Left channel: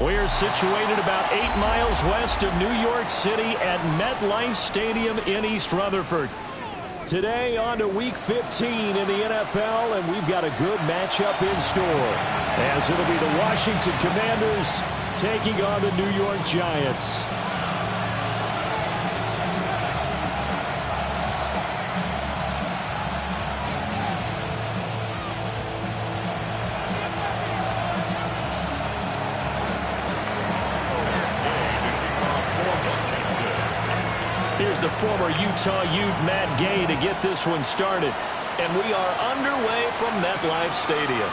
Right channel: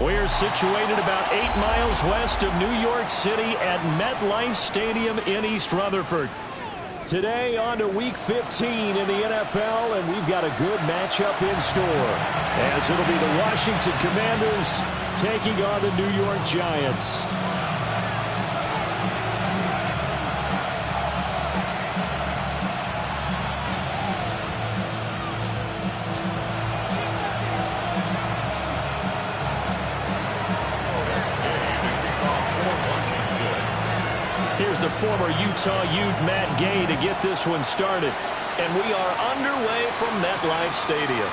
We're situated about 8 miles west of New York City at MetLife Stadium in East Rutherford. Today on to Week 15 in the NFL, and we've got a good matchup in store, as it'll be the Washington Commanders taking on the New York Giants. Here's the former Utah Ute Matt Gay to get this one started. And we are underway from MetLife Stadium.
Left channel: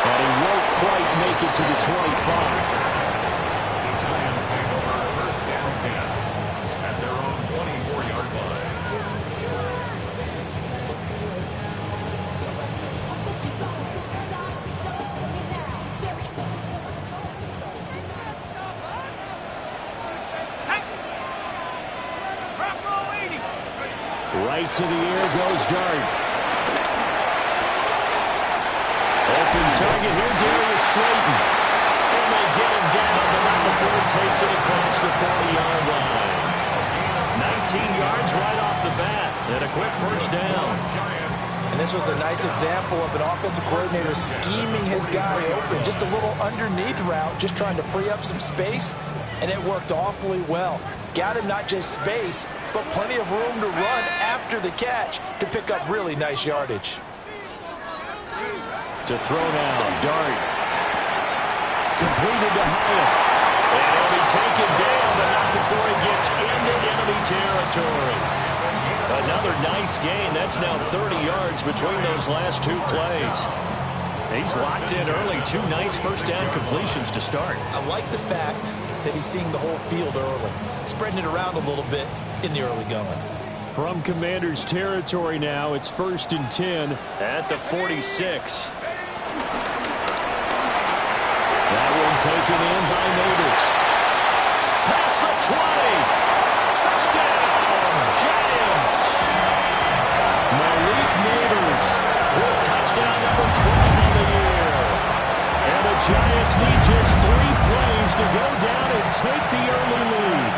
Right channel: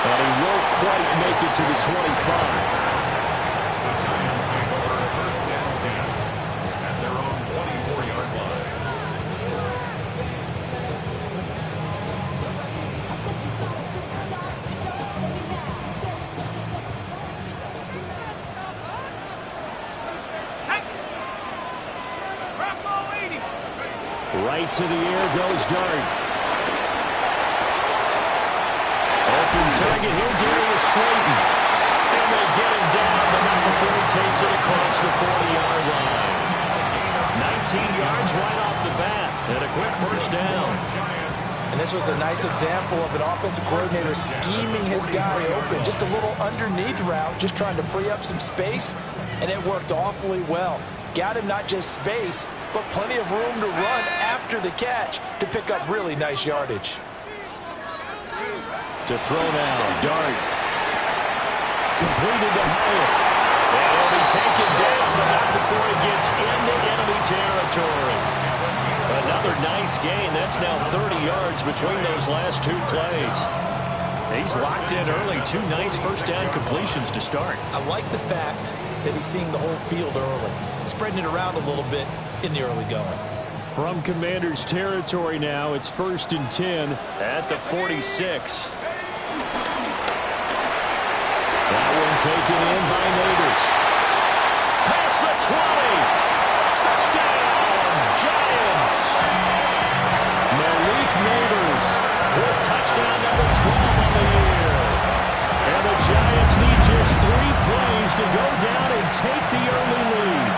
And he won't quite make it to the 25. The Giants take over first down 10 at their own 24-yard line. Right to the air goes Dart. Open target here, Darius Slayton. And they get him down, but not before he takes it across the 40-yard line. 19 yards right off the bat, and a quick first down. And this was a nice example of an offensive coordinator scheming his guy open. Just a little underneath route, just trying to free up some space, and it worked awfully well. Got him not just space, but plenty of room to run after the catch to pick up really nice yardage. To throw now, Dart. Completed to Hyatt. And he'll be taken down, but not before he gets into enemy territory. Another nice gain. That's now 30 yards between those last two plays. He's locked in early. Two nice first down completions to start. I like the fact that he's seeing the whole field early, spreading it around a little bit in the early going. From Commanders territory now, it's 1st and 10 at the 46. That one taken in by Neighbors. Past the 20. Touchdown, Giants. Malik Neighbors with touchdown number 12 on the year. And the Giants need just 3 plays to go down and take the early lead.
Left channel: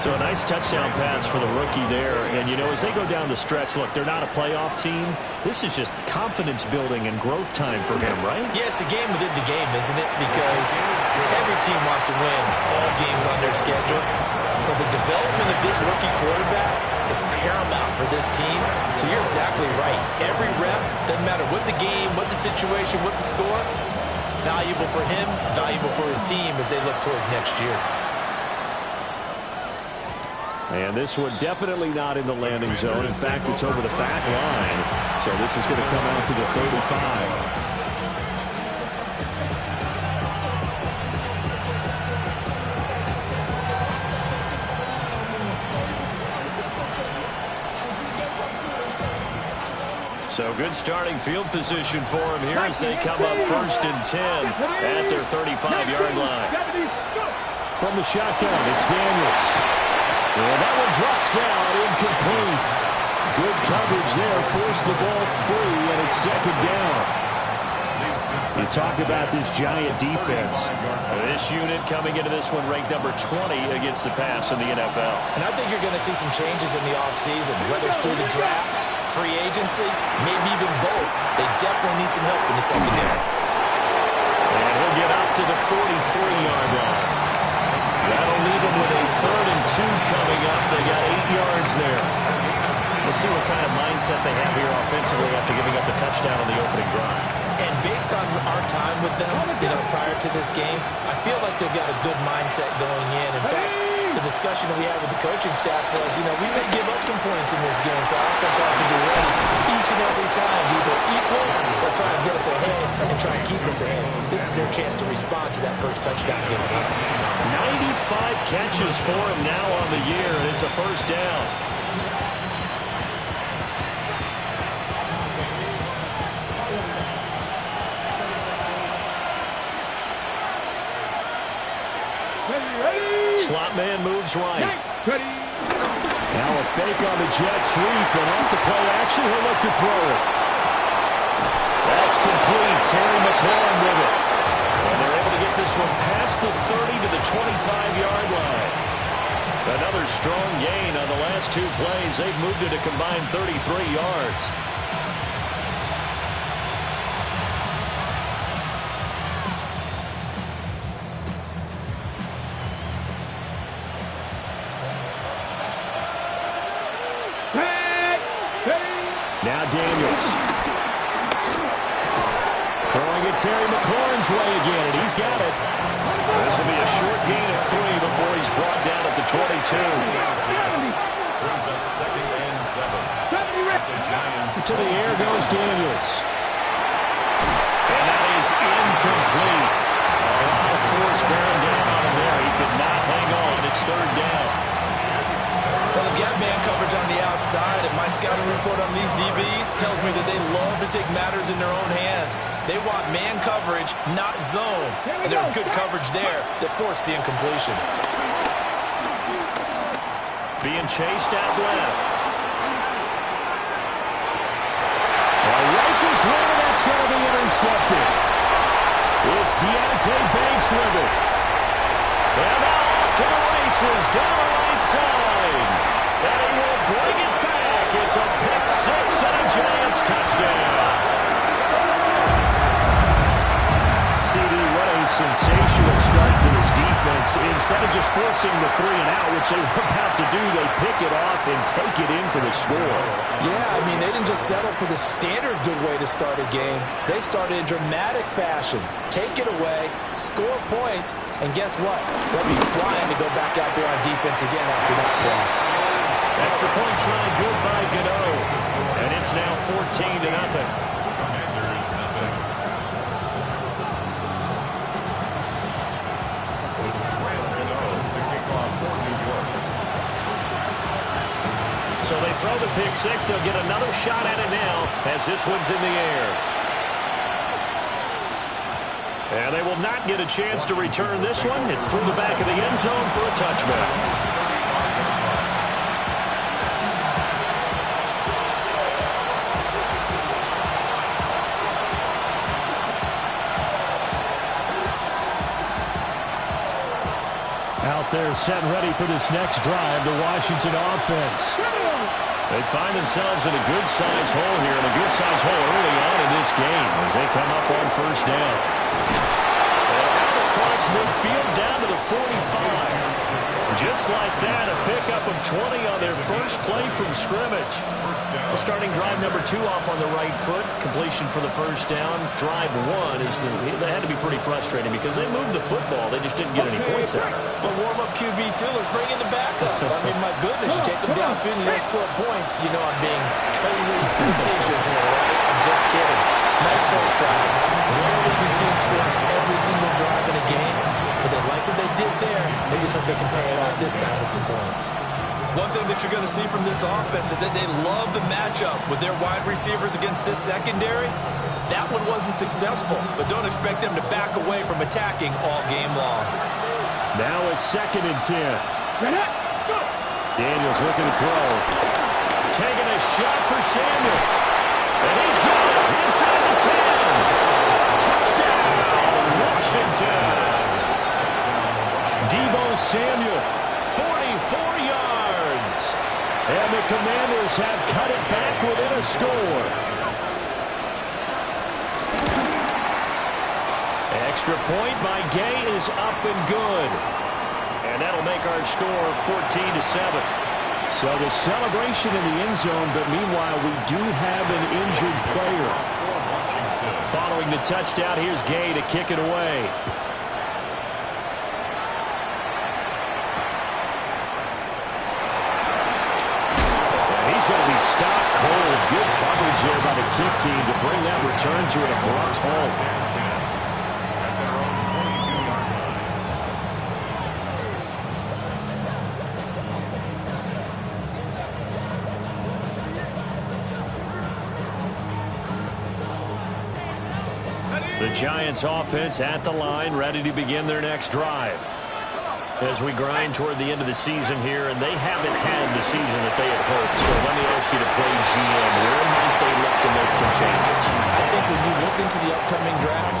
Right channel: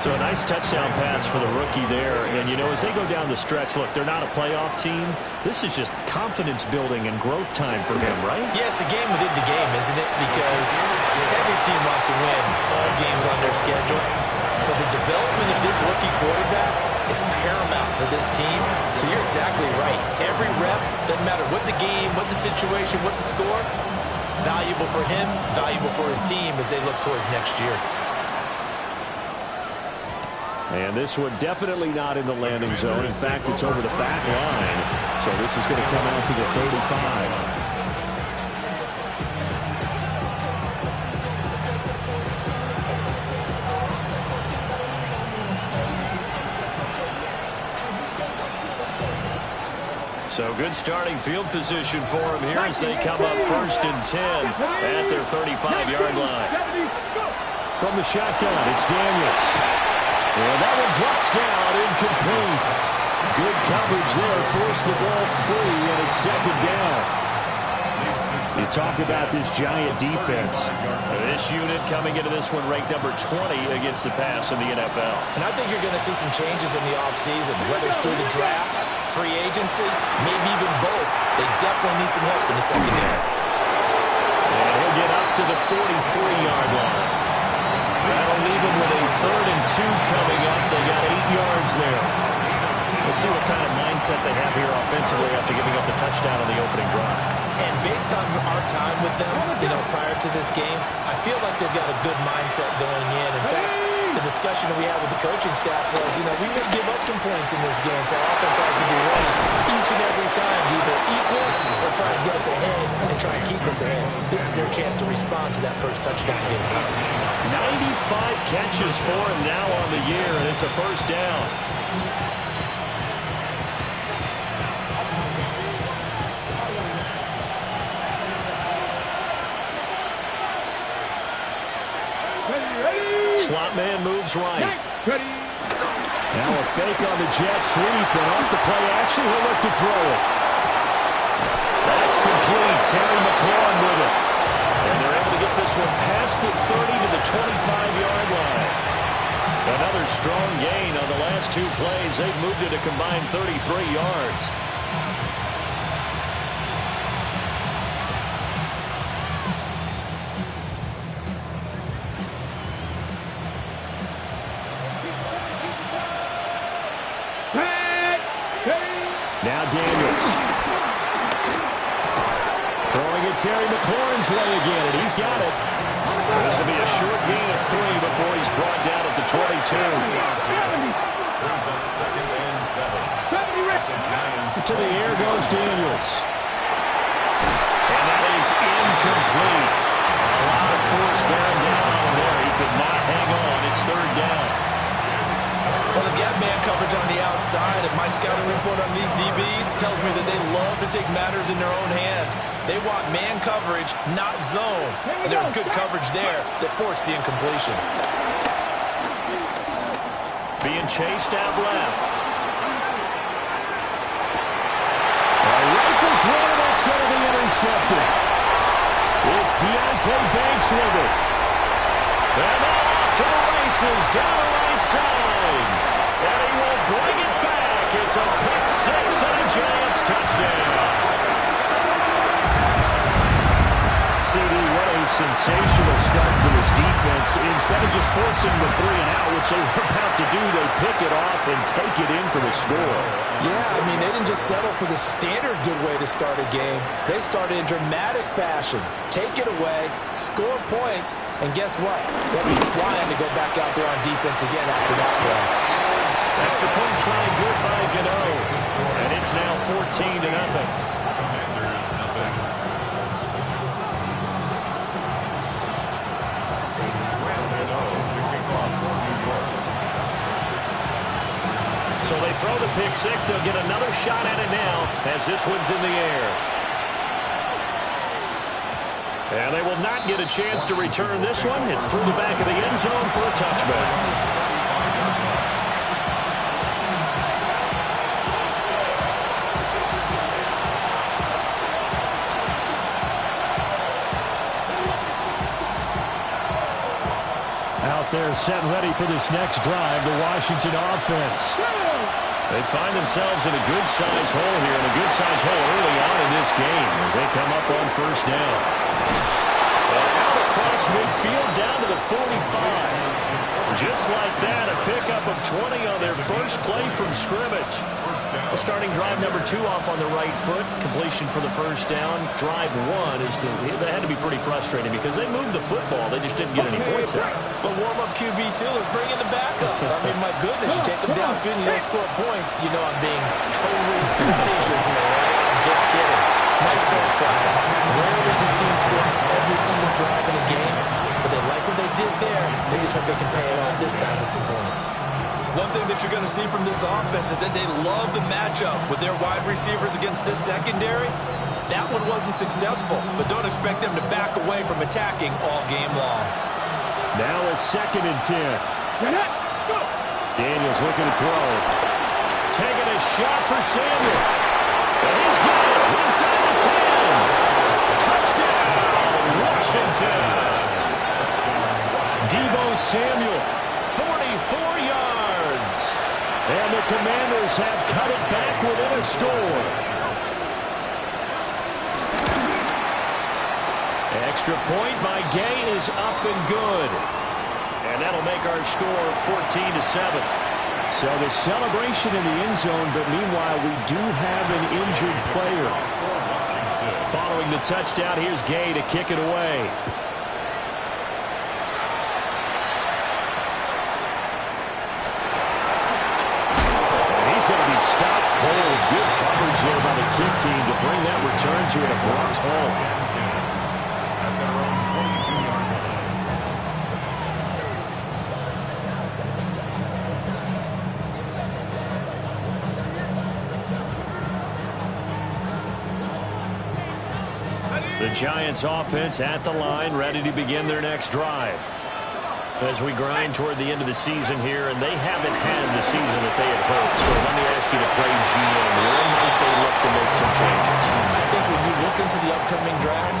So a nice touchdown pass for the rookie there. And, you know, as they go down the stretch, look, they're not a playoff team. This is just confidence building and growth time for him, right? Yeah, it's a game within the game, isn't it? Because every team wants to win all games on their schedule. But the development of this rookie quarterback is paramount for this team. So you're exactly right. Every rep, doesn't matter what the game, what the situation, what the score, valuable for him, valuable for his team as they look towards next year. And this one definitely not in the landing zone. In fact, it's over the back line. So this is going to come out to the 35. So good starting field position for him here as they come up 1st and 10 at their 35-yard line. From the shotgun, it's Daniels. And that one drops down, incomplete. Good coverage there, forced the ball free, and it's 2nd down. You talk about this Giant defense. This unit coming into this one ranked number 20 against the pass in the NFL. And I think you're going to see some changes in the offseason, whether it's through the draft, free agency, maybe even both. They definitely need some help in the secondary. And he'll get up to the 43-yard line. That'll leave them with a 3rd and 2 coming up. They got 8 yards there. We'll see what kind of mindset they have here offensively after giving up the touchdown on the opening drive. And based on our time with them, prior to this game, I feel like they've got a good mindset going in. In fact, the discussion that we had with the coaching staff was, we may give up some points in this game, so our offense has to be ready each and every time to either equal or try and get us ahead and try and keep us ahead. This is their chance to respond to that first touchdown given up. 95 catches for him now on the year, and it's a first down. Slot man moves right. Now a fake on the jet sweep, and off the play action, he'll look to throw it. That's complete. Terry McLaurin with it. And they're able to get this one past the 30 to the 25-yard line. Another strong gain on the last two plays. They've moved it a combined 33 yards. Now Daniels. Throwing it Terry McLaurin's way again, and he's got it. This will be a short gain of 3 before he's brought down at the 22. Brings up 2nd and 7. The Giants. To the air goes Daniels. And that is incomplete. A lot of force bearing down on him there. He could not hang on. It's 3rd down. Well, they've got man coverage on the outside, and my scouting report on these DBs tells me that they love to take matters in their own hands. They want man coverage, not zone. And there was good coverage there that forced the incompletion. Being chased out left. Rifles one, and that's going to be intercepted. It's Deontay Banks with it. And now off to the races, down the right side. And he will bring it back. It's a pick 6 and a Giants touchdown. CD, what a sensational start for this defense. Instead of just forcing the 3 and out, which they were about to do, they pick it off and take it in for the score. Yeah, I mean, they didn't just settle for the standard good way to start a game. They started in dramatic fashion. Take it away, score points, and guess what? They'll be flying to go back out there on defense again after that play. Extra point try good by Gator. And it's now 14-0. Commanders nothing. To kick off for New York. So they throw the pick 6. They'll get another shot at it now as this one's in the air. And they will not get a chance to return this one. It's through the back of the end zone for a touchback. Out there set ready for this next drive, the Washington offense. They find themselves in a good-sized hole here, and a good-sized hole early on in this game as they come up on 1st down. And out across midfield down to the 45. Just like that, a pickup of 20 on their first play from scrimmage. Well, starting drive number 2 off on the right foot. Completion for the 1st down. Drive 1 is that had to be pretty frustrating because they moved the football. They just didn't get any points out of it. But warm-up QB2, let's bring in the backup. I mean, my goodness, you take them downfield and you don't score points. You know I'm being totally facetious here, right? I'm just kidding. Nice first drive. Rarely do teams score on every single drive in a game, but they like what they did there. They just hope they can pay it off this time with some points. One thing that you're going to see from this offense is that they love the matchup with their wide receivers against this secondary. That one wasn't successful, but don't expect them to back away from attacking all game long. Now a 2nd and 10. Daniels looking to throw. Taking a shot for Samuel. And he's got it inside the 10. Touchdown, Washington. Deebo Samuel, 44 yards. And the Commanders have cut it back within a score. Extra point by Gay is up and good. And that'll make our score 14-7. So the celebration in the end zone, but meanwhile we do have an injured player. Following the touchdown, here's Gay to kick it away. And he's going to be stopped cold. Good coverage there by the kick team to bring that return to an abrupt halt. At their own 22-yard line. The Giants offense at the line, ready to begin their next drive. As we grind toward the end of the season here, and they haven't had the season that they had hoped. So let me ask you to play GM. Where might they look to make some changes? I think when you look into the upcoming draft,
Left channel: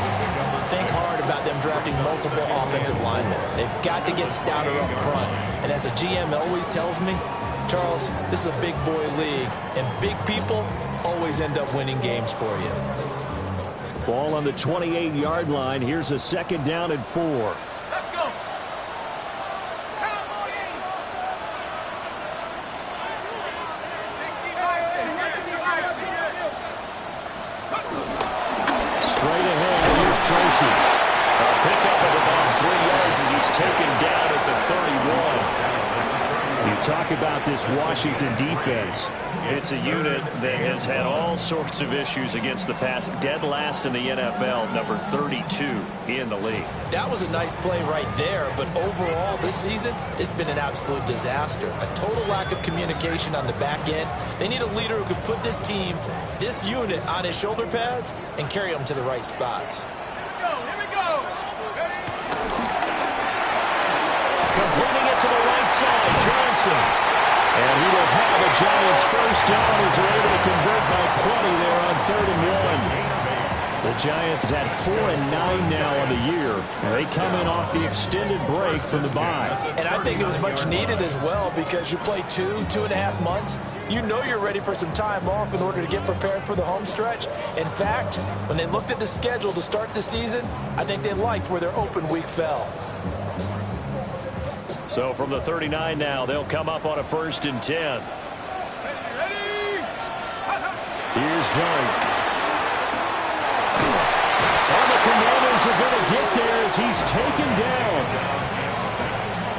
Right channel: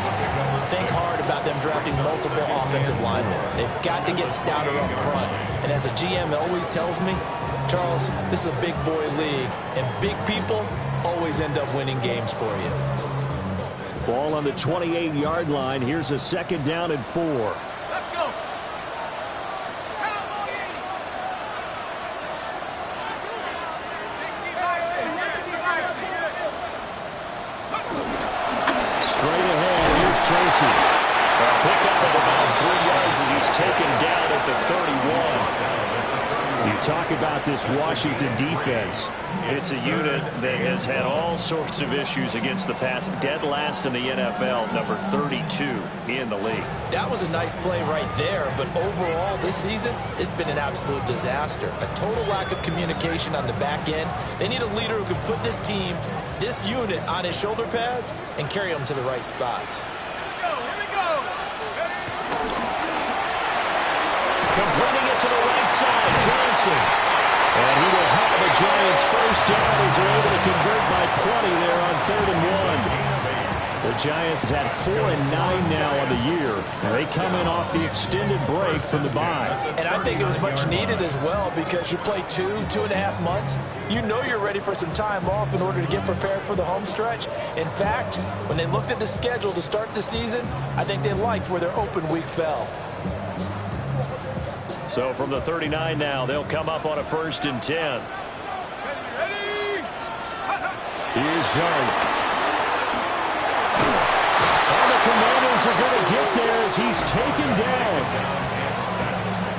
think hard about them drafting multiple offensive linemen. They've got to get stouter up front. And as a GM always tells me, Charles, this is a big boy league, and big people always end up winning games for you. Ball on the 28-yard line. Here's a 2nd down and 4. Let's go. Straight ahead, here's Tracy. A pickup of about 3 yards as he's taken down at the 31. You talk about this Washington defense. It's a unit that has had all sorts of issues against the pass. Dead last in the NFL, number 32 in the league. That was a nice play right there, but overall this season, it's been an absolute disaster. A total lack of communication on the back end. They need a leader who can put this team, this unit, on his shoulder pads and carry them to the right spots. Here we go. Completing it to the right side, Johnson. And he will have a Giants first down as they're able to convert by plenty there on 3rd and 1. The Giants had 4-9 now on the year. And they come in off the extended break from the bye. And I think it was much needed as well because you play 2.5 months. You know you're ready for some time off in order to get prepared for the home stretch. In fact, when they looked at the schedule to start the season, I think they liked where their open week fell. So from the 39 now, they'll come up on a 1st and 10. Ready? Here's Dart. Oh, the Commanders are going to get there as he's taken down.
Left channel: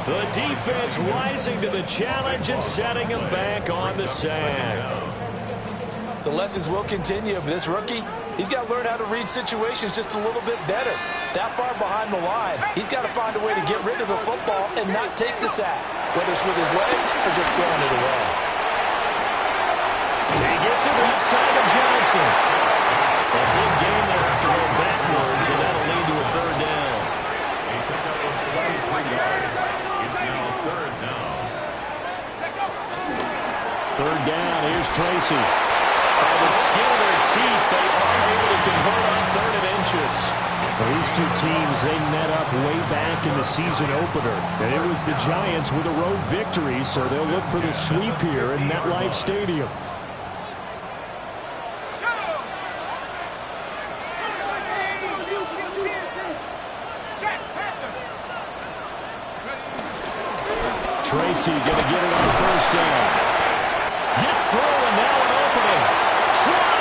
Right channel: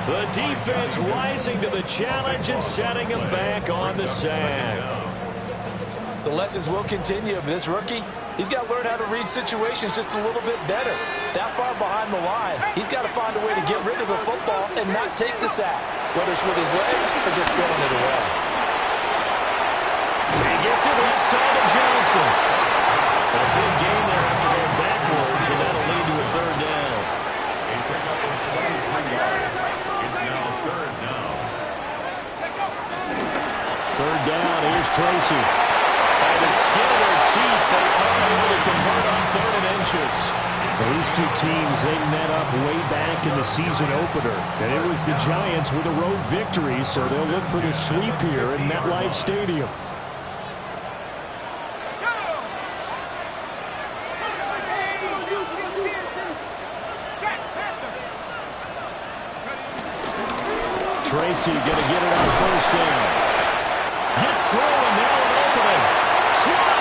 The defense rising to the challenge and setting him back on the sack. The lessons will continue, but this rookie, he's got to learn how to read situations just a little bit better. That far behind the line, he's got to find a way to get rid of the football and not take the sack, whether it's with his legs or just throwing it away. He gets it left side of Johnson. A big gain there after going backwards, and that'll lead to a 3rd down. A pickup of 23 yards. It's now 3rd down. 3rd down, here's Tracy. By the skin of their teeth, they are able to convert on 3rd and inches. For these two teams, they met up way back in the season opener. And it was the Giants with a road victory, so they'll look for the sweep here in MetLife Stadium. Tracy going to get it on 1st down. Gets through, and now an opening. Try.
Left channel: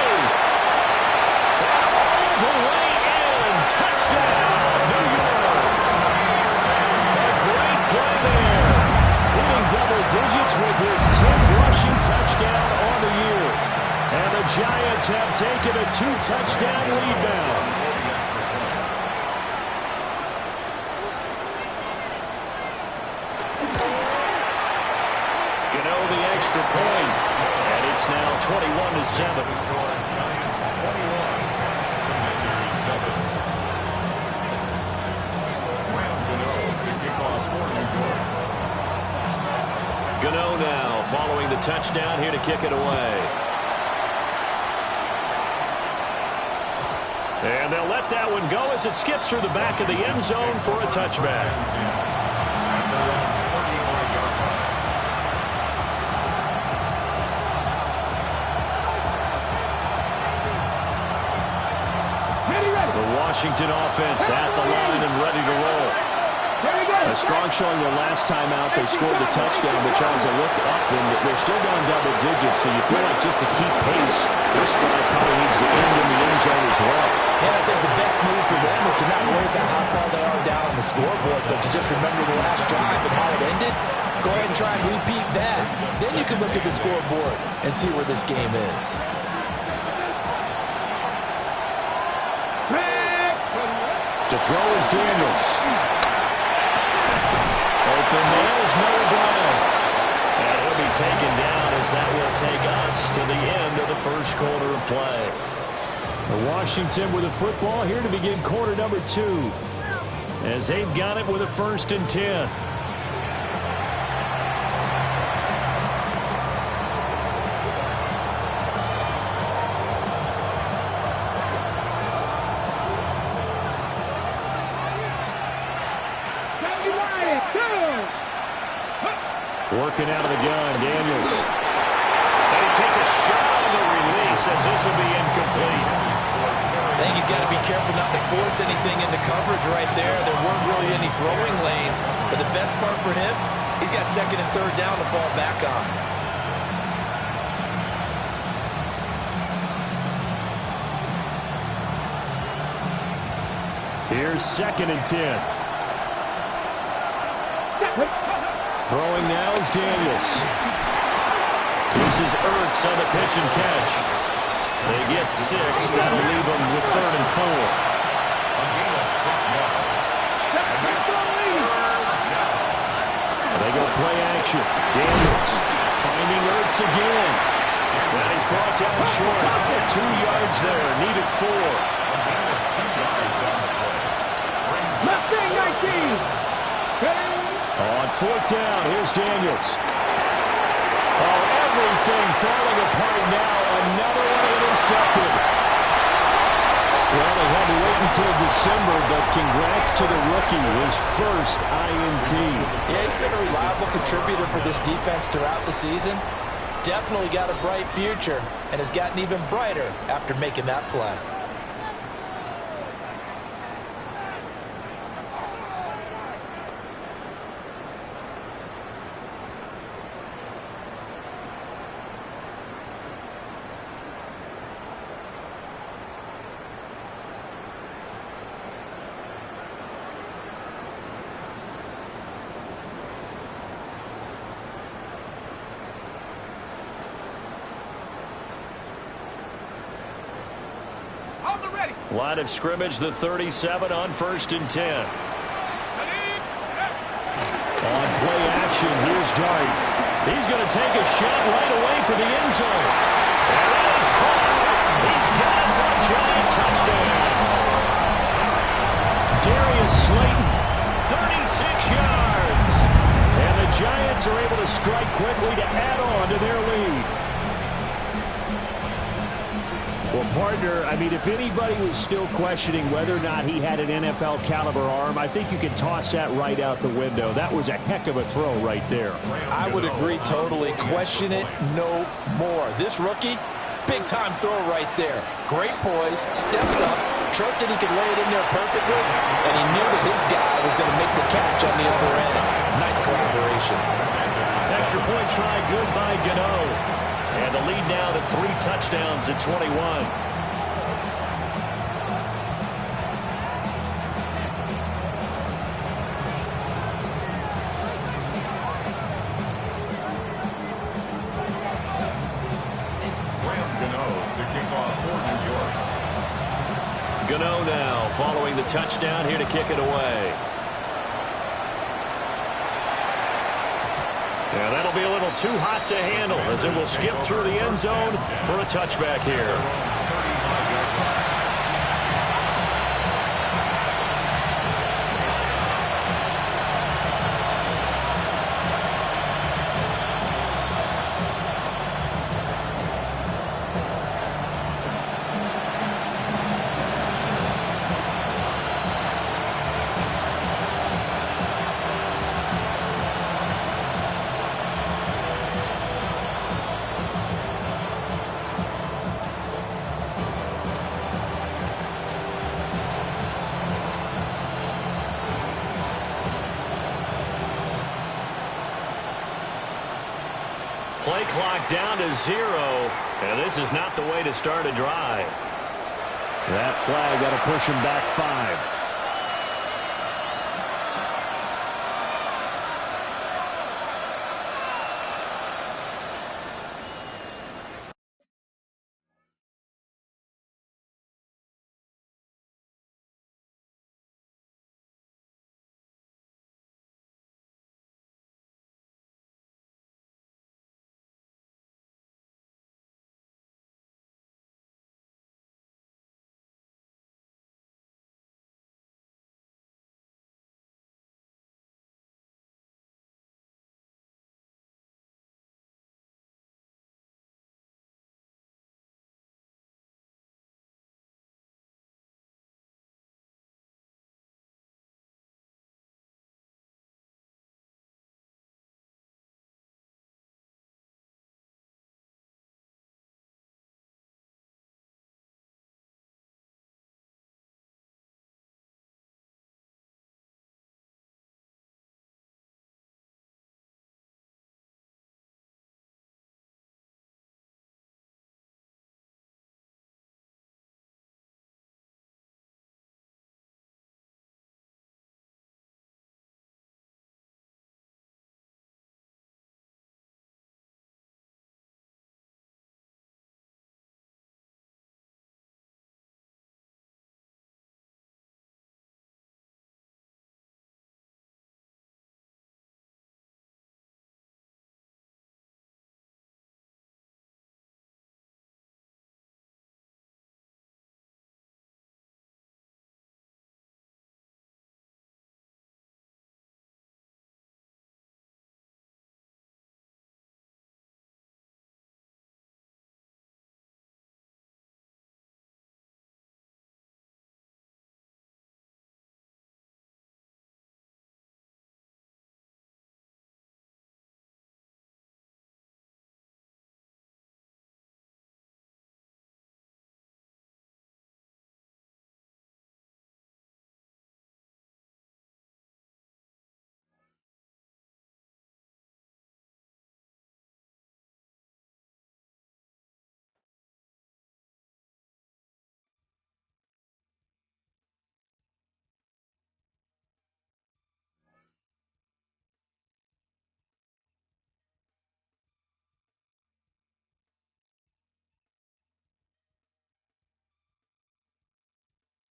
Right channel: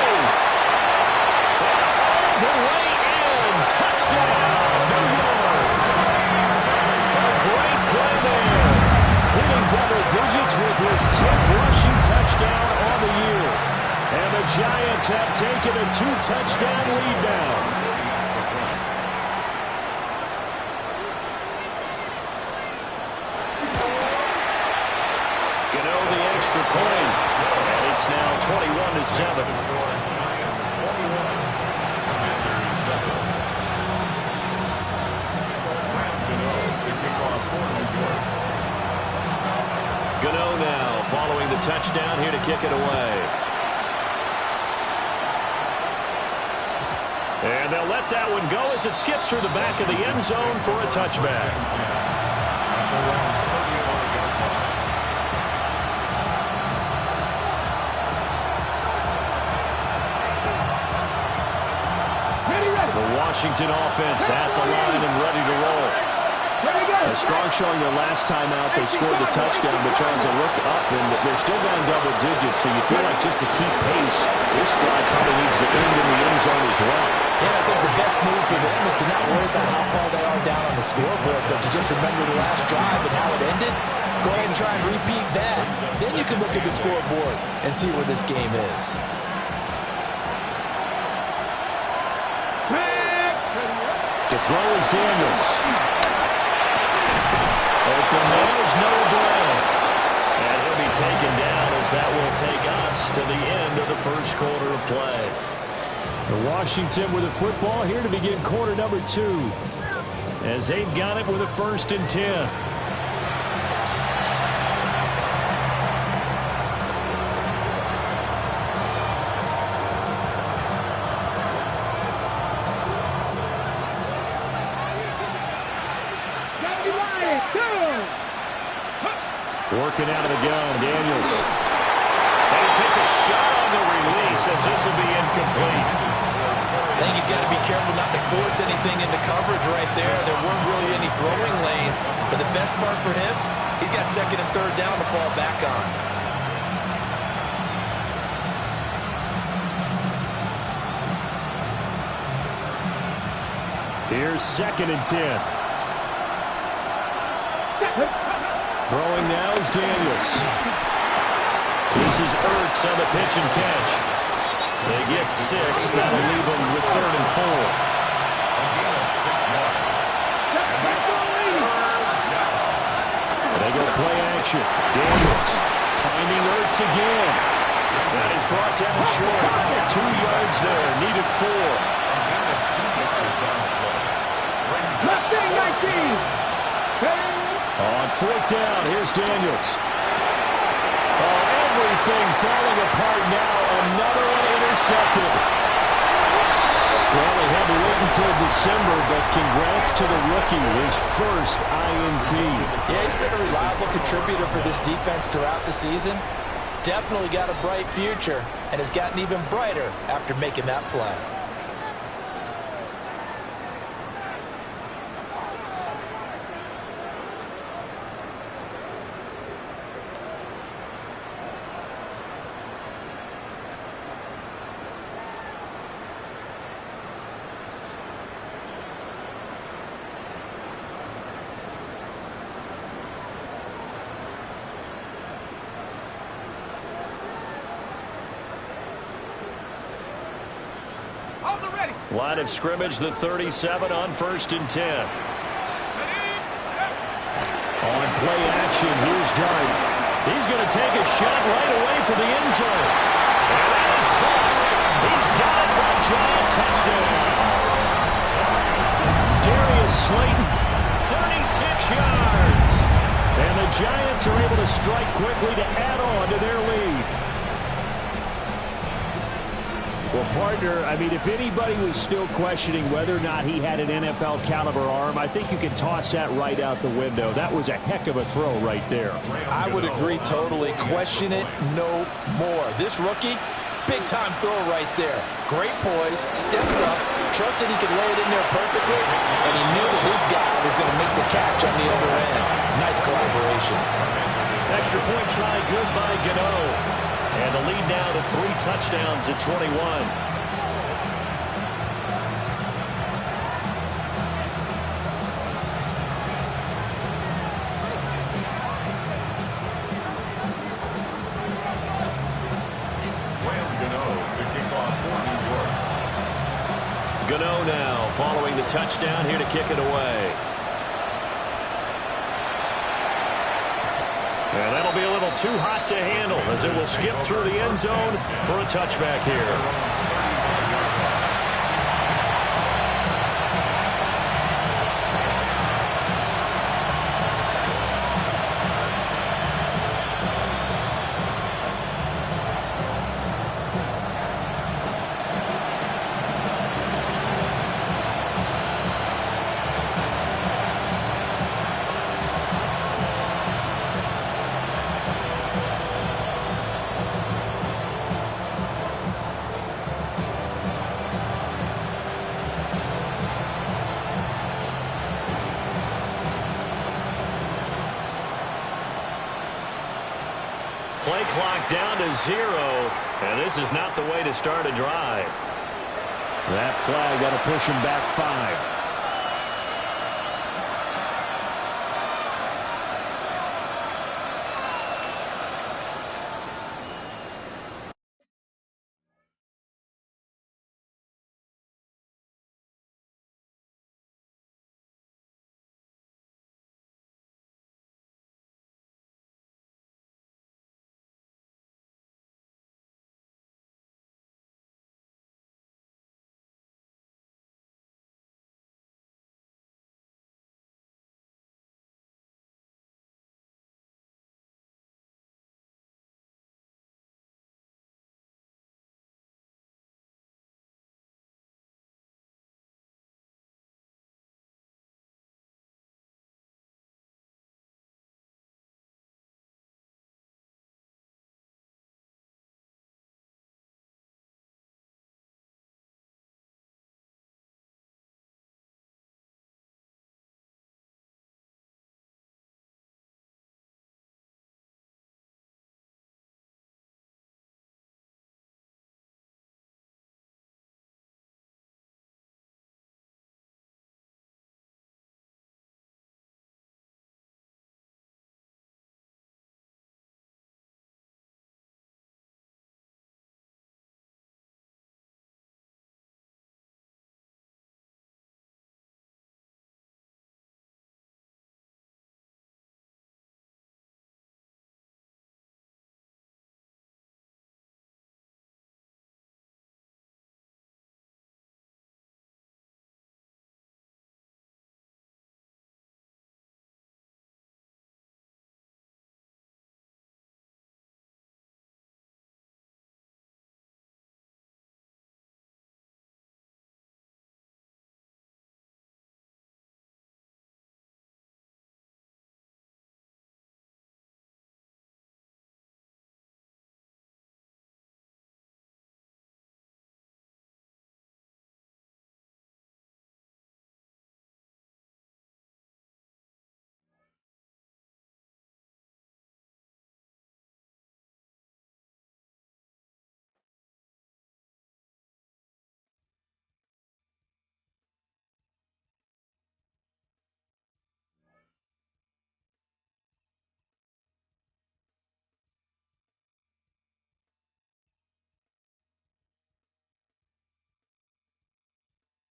And all the way in. Touchdown, New York. A great play there. Hitting double digits with his 10th rushing touchdown on the year. And the Giants have taken a 2-touchdown lead now. The extra point, and it's now 21-7. Giants 21, Commanders 7. Graham Gano to kick off for New York. Gano now following the touchdown here to kick it away. And they'll let that one go as it skips through the back of the end zone for a touchback. At their own 35-yard line. The Washington offense at the line and ready to roll. A strong showing their last time out. They scored the touchdown, but Charles, they looked up, and they're still down double digits, so you feel like just to keep pace, this drive probably needs to end in the end zone as well. And I think the best move for them is to not worry about how far they are down on the scoreboard, but to just remember the last drive and how it ended. Go ahead and try and repeat that. Then you can look at the scoreboard and see where this game is. To throw is Daniels. Open man is Noah Brown. And he'll be taken down as that will take us to the end of the first quarter of play. Washington with the football here to begin quarter number 2. As they've got it with a 1st and 10. Working out of the gun, Daniels. And he takes a shot on the release as this will be incomplete. I think he's got to be careful not to force anything into coverage right there. There weren't really any throwing lanes. But the best part for him, he's got second and third down to fall back on. Here's 2nd and 10. Throwing now is Daniels. This is Ertz on the pitch and catch. They get 6. That'll leave them with 3rd and 4. A gain of 6 yards. They go play action. Daniels finding Ertz again. That is brought down short. 2 yards there. Needed 4. A gain of 2 yards on the play. Left thing, 19. On 4th down, here's Daniels. Oh, everything falling apart now. Another one intercepted. Well, they had to wait until December, but congrats to the rookie, his first INT. Yeah, he's been a reliable contributor for this defense throughout the season. Definitely got a bright future and has gotten even brighter after making that play. Line of scrimmage, the 37 on 1st and 10. On play action, here's Dart. He's going to take a shot right away for the end zone. And that is caught. He's got it for a giant touchdown. Darius Slayton, 36 yards. And the Giants are able to strike quickly to add on to their lead. Well, partner, I mean, if anybody was still questioning whether or not he had an NFL caliber arm, I think you can toss that right out the window. That was a heck of a throw right there. I would agree totally. Question it no more. This rookie, big-time throw right there. Great poise, stepped up, trusted he could lay it in there perfectly, and he knew that his guy was going to make the catch on the other end. Nice collaboration. Extra point try good by Gator. And the lead now to 3 touchdowns at 21. To kick off for New York. Gano now following the touchdown here to kick it away. And that'll be a little too hot to handle as it will skip through the end zone for a touchback here. Play clock down to 0, and this is not the way to start a drive. That flag got to push him back 5.